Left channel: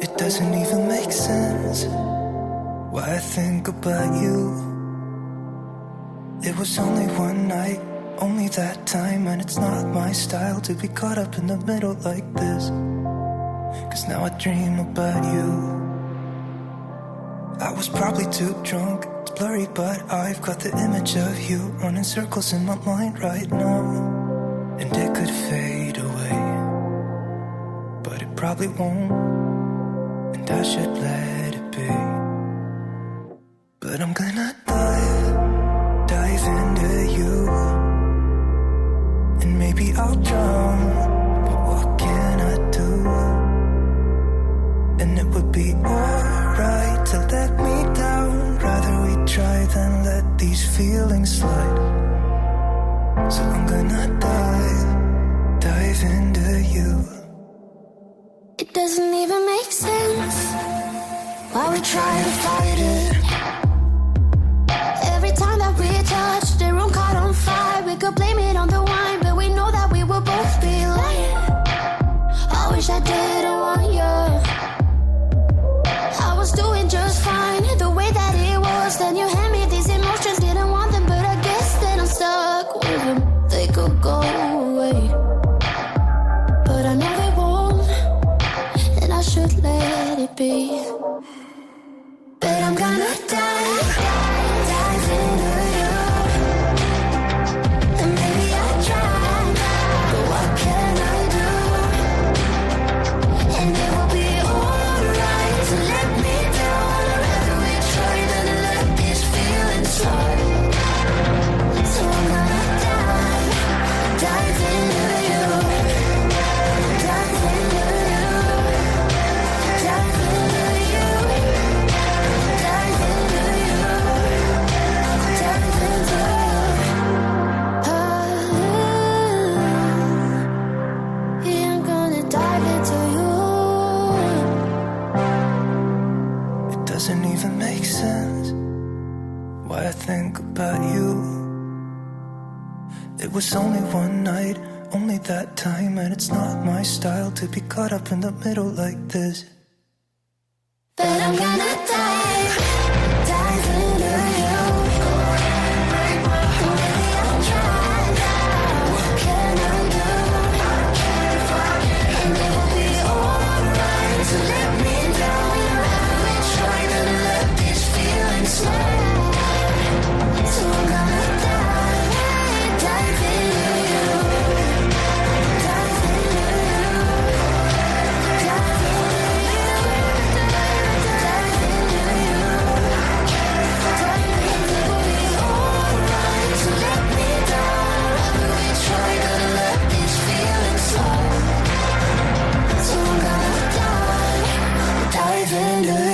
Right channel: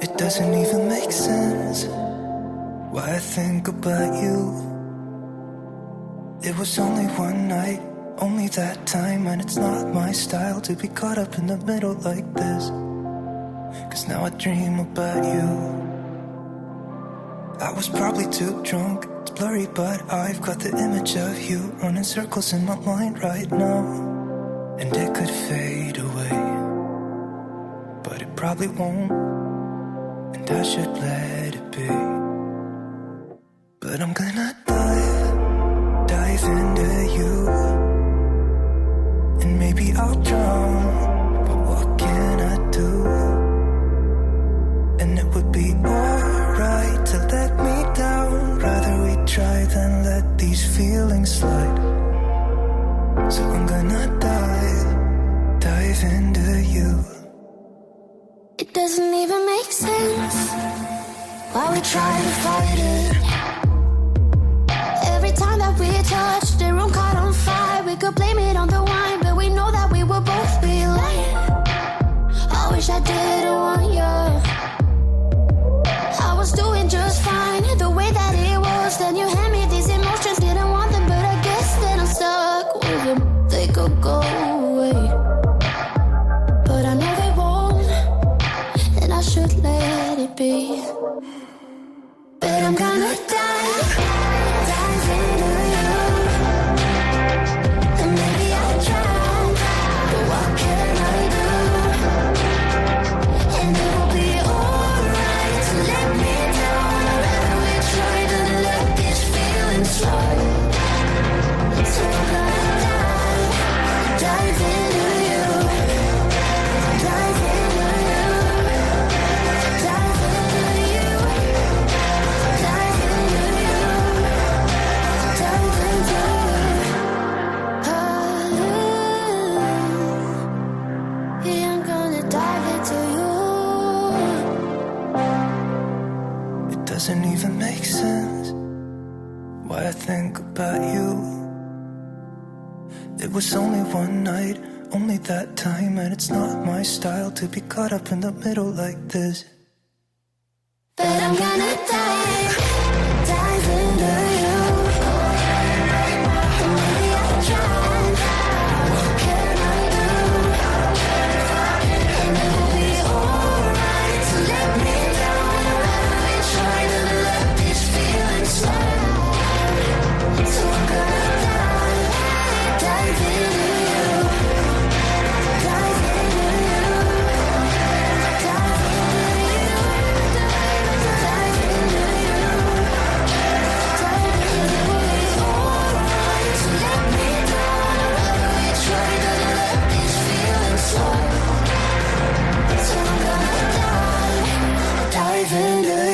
It doesn't even make sense why I think about you. It was only one night, only that time, and it's not my style to be caught up in the middle like this. Cause now I dream about you. I was probably too drunk, it's blurry, but I've got the image of you running circles in my mind right now. And it could fade away, but it probably won't, and I should let it be. But I'm gonna dive into you, and maybe I'll drown, but what can I do? And it would be alright to let me down, rather we try than let these feelings slide. So I'm gonna dive into you. It doesn't even make sense why we try to fight it. Every time that we touch, the room caught on fire. We could blame it on the wine, but we know that we will both be lying. I wish I didn't want you. I was doing just fine, the way that it was. Then you hand me these emotions, didn't want them, but I guess that I'm stuck with them. They could go away, but I know they won't, and I should let it be. But I'm gonna dive into you, and maybe I'll try, but what can I do? dive into you. It doesn't even make sense why I think about you. It was only one night, only that time, and it's not my style to be caught up in the middle like this. But I'm gonna dive into you. And maybe I'll try. What can I do? And it will be alright. So let me down. We try to let this feeling slide. So I'm gonna dive into you. Dive into you. Dive into you. Dive into you. Dive into it will be alright. So let me down. We try to let this feeling slide. So I'm gonna dive into you.